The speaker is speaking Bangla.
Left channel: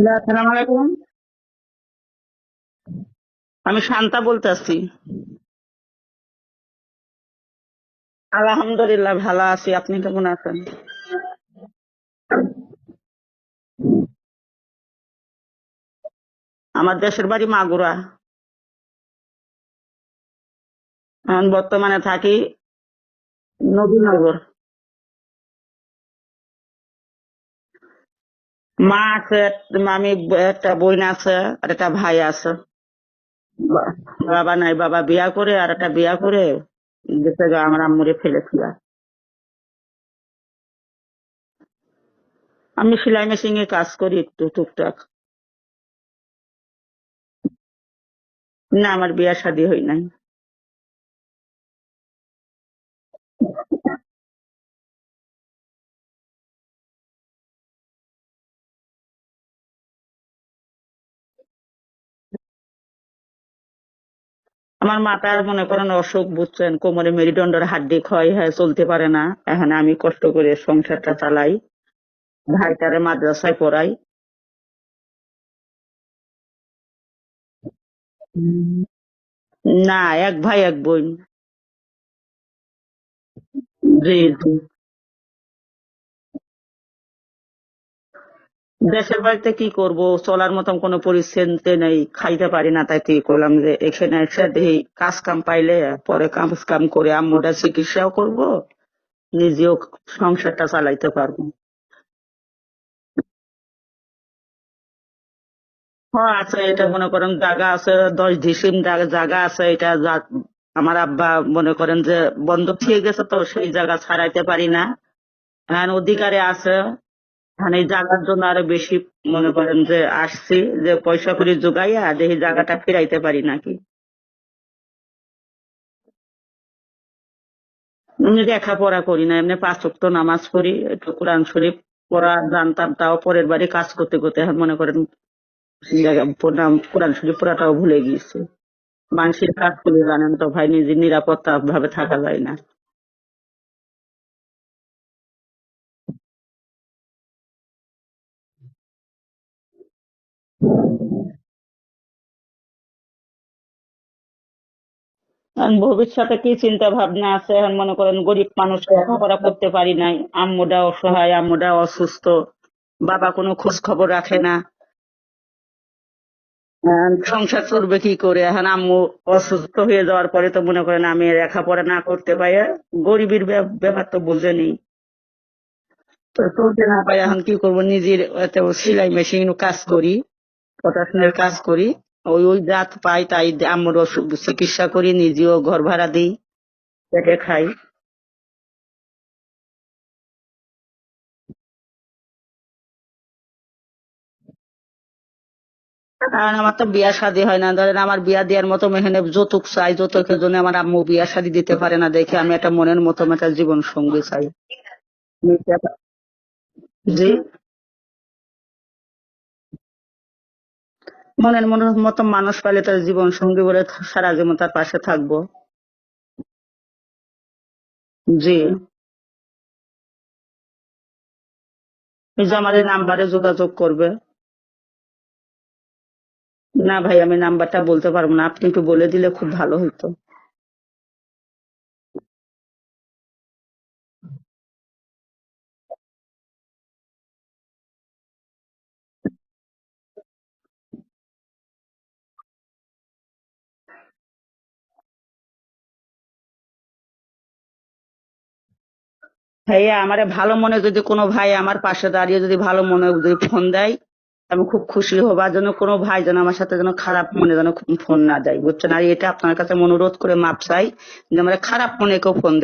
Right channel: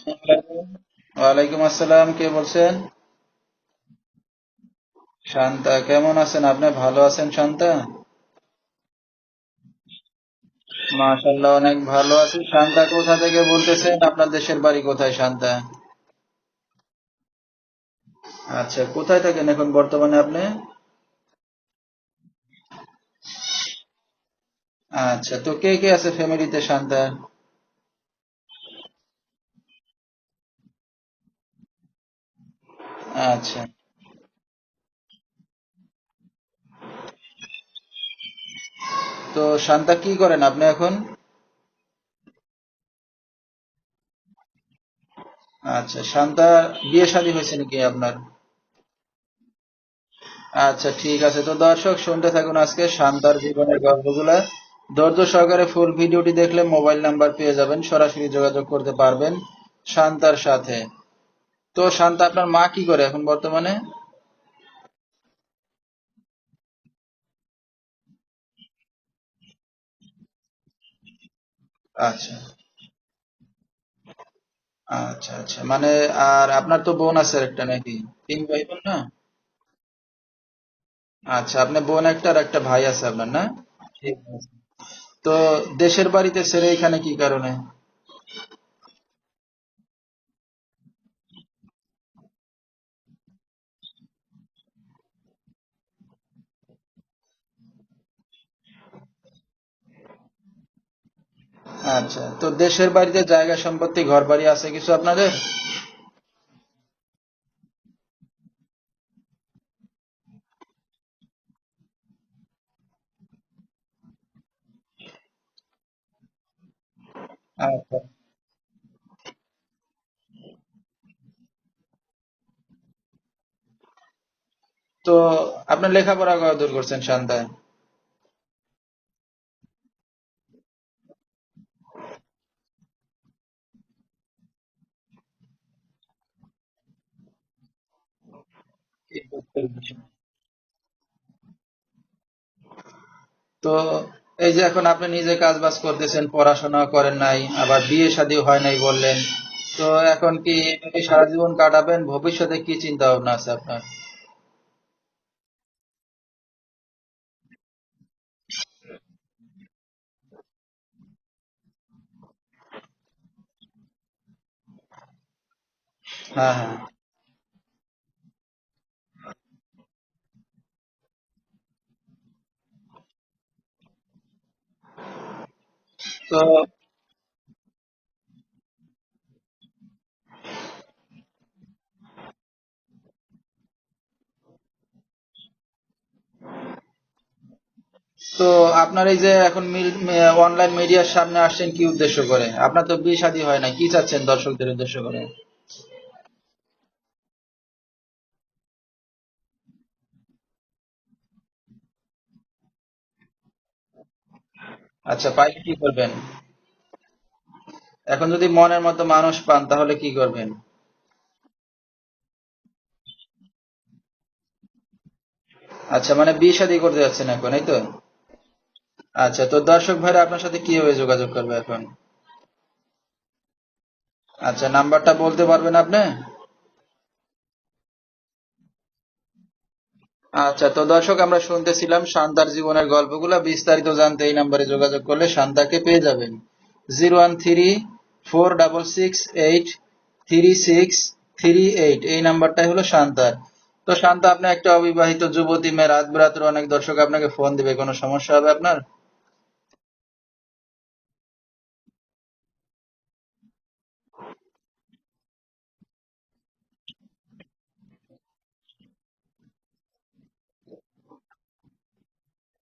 ওয়ালাইকুম আসসালাম কে বলছেন? আমি শান্তা বলতেছি শান্তা কেমন আছেন? আপনি ভালো আছেন শান্তা? আলহামদুলিল্লাহ ভালো আছি। আপনি কেমন আছেন? মাশাআল্লাহ অনেক ভালো আছেন শান্তা কোথা থেকে বলতেছেন? আপনার দেশের বাড়ি কোথায় শান্তা? আমার দেশের বাড়ি মাগুরা। আচ্ছা কোথায় থাকেন এখন বর্তমানে আপনি? এখন বর্তমানে থাকি নবীনগর। আচ্ছা তো কে কে আছে ফ্যামিলিতে শান্তা? মা আছে আমি একটা বোন আছে আর একটা ভাই আছে। আচ্ছা। বাবা নাই বাবা বিয়া করে আর একটা বিয়া করে গা আমার আম্মুরে ফেলেছি তো শান্তা কি করেন আপনি এখন? আমি সেলাই মেশিন এ কাজ করি একটু টুকটাক। আচ্ছা শান্তা বিয়ে শাদী হয়েছে নাকি আপনার? না আমার বিয়ে শাদী হয় নাই। আচ্ছা ঠিক আছে। তো দর্শক শুনতে থাকুন আজকে শান্তার জীবনের গল্পগুলা। ধৈর্য সহকারে ফুল ভিডিওটি দেখলে মোবাইল নাম্বার পেয়ে যাবেন সরাসরি যোগাযোগ করতে পারবেন শান্তার সাথে। তো শান্তা আপনার মা কি করে এখন বর্তমানে? আমার মাতার মনে করেন অসুখ বুঝছেন কোমরে মেরুদণ্ডের হাড্ডি ক্ষয় হয় চলতে পারে না। এখন আমি কষ্ট করে সংসারটা চালাই। আচ্ছা। ভাইটারে মাদ্রাসায় পড়াই। আচ্ছা আচ্ছা। মানে আর আপনার তো বোন আছে একটা নাকি? তিন ভাই বোন না? না এক ভাই এক বোন। আচ্ছা আপনার বোন একটা আর একটা ভাই আছে আপনার না? জি জি তো দেশের বাড়িতে ছেড়ে এখানে কি কারণে? দেশের বাড়িতে কি করব? চলার মতন কোনো পরিস্থিতি নেই খাইতে পারি না তাই ঠিক করলাম যে এখানে এসে দেখি কাজ কাম পাইলে পরে কাজ কাম করে আম্মুটা চিকিৎসাও করব নিজেও সংসারটা চালাইতে পারব। আচ্ছা তো দেশের বাড়িতে জায়গা সম্পত্তি ঘর বাড়ি আছে কিছু আপনাদের? হ্যাঁ আছে এটা মনে করেন জায়গা আছে দশ ডিসিম জায়গা- আছে এটা আমার আব্বা মনে করেন যে বন্ধক থেকে গেছে তো সেই জায়গা ছাড়াইতে পারি না। এখন অধিকারে আছে। মানে জায়গার জন্য আরও বেশি মনে করেন যে আসছি যে পয়সা করে জোগাইয়া দেখি জায়গাটা ফিরাইতে পারি নাকি। তো আপনার লেখাপড়া কতদূর করছেন এমনি লেখাপড়া করি না এমনি পাঁচ ওয়াক্ত নামাজ পড়ি একটু কোরআন শরীফ পড়া জানতাম তাও পরের বাড়ি কাজ করতে করতে মনে করেন কোরআন শরীফ পড়াটাও ভুলে গিয়েছি। মানুষের কাজ করে জানেন তো ভাই নিজের নিরাপত্তা ভাবে থাকা যায় না। তো এই যে এখন আপনি নিজে কাজ বাজ করতেছেন পড়াশোনা করেন নাই আবার বিয়ে শাদী হয় নাই বললেন তো এখন কি সারা জীবন কাটাবেন? ভবিষ্যতে কি চিন্তা ভাবনা আছে আপনার? ভবিষ্যতে কি চিন্তা ভাবনা আছে? এখন মনে করেন গরিব মানুষ লেখাপড়া করতে পারি নাই আম্মুটা অসহায় আম্মুটা অসুস্থ বাবা কোনো খোঁজ খবর রাখে না। সংসার চলবে কি করে? এখন আম্মু অসুস্থ হয়ে যাওয়ার পরে তো মনে করেন আমি লেখাপড়া না করতে পাই গরিবের ব্যাপার তো বুঝেনি। চলতে না এখন কি করব? নিজের সেলাই মেশিন কাজ করি পটাশনের কাজ করি। ওই ওই জাত পাই তাই আম্মুর অসুখ চিকিৎসা করি নিজেও ঘর ভাড়া দিই পেটে খাই। তো আপনার এই যে এখন অনলাইন মিডিয়ার সামনে আসছেন কি উদ্দেশ্য করে? আপনার তো বিয়ে শাদী হয় না কি চাচ্ছেন দর্শকদের উদ্দেশ্য করে? কারণ আমার তো বিয়া শাদী হয় না। ধরেন আমার বিয়া দেওয়ার মতো মেহনে যৌতুক চাই যৌতুকের জন্য আমার আম্মু বিয়া শাদী দিতে পারে না দেখে আমি একটা মনের মতো একটা জীবন সঙ্গী চাই। আচ্ছা পাই কি করবেন? জি? এখন যদি মনের মতো মানুষ পান তাহলে কি করবেন? মনের মনের মতো মানুষ পাইলে তার জীবন সঙ্গী বলে সারা জীবন তার পাশে থাকব। আচ্ছা মানে বিয়ে শাদী করতে যাচ্ছেন এখন এই তো? জি। আচ্ছা তো দর্শক ভাইরা আপনার সাথে কীভাবে যোগাযোগ করবে এখন? এই যে আমার এই নাম্বারে যোগাযোগ করবে। আচ্ছা নাম্বারটা বলতে পারবেন আপনি? না ভাই আমি নাম্বারটা বলতে পারব না। আপনি একটু বলে দিলে খুব ভালো হতো আচ্ছা তো দর্শক আমরা শুনতেছিলাম শান্তার জীবনের গল্পগুলো। বিস্তারিত জানতে এই নাম্বারে যোগাযোগ করলে শান্তাকে পেয়ে যাবেন। Zero one three four double six eight three six three eight. এই নাম্বারটাই হলো শান্তার। তো শান্তা আপনি একটা অবিবাহিত যুবতী মেয়ে রাত বেরাতের অনেক দর্শক আপনাকে ফোন দিবে। কোনো সমস্যা হবে আপনার? ভাইয়া আমারে ভালো মনে যদি কোনো ভাই আমার পাশে দাঁড়িয়ে যদি ভালো মনে যদি ফোন দেয় আমি খুব খুশি হব আর যেন কোনো ভাই যেন আমার সাথে যেন খারাপ মনে যেন ফোন না দেয়, বুঝছেন? আর এটা আপনার কাছে অনুরোধ করে মাপ চাই যে আমার খারাপ মনে কেউ ফোন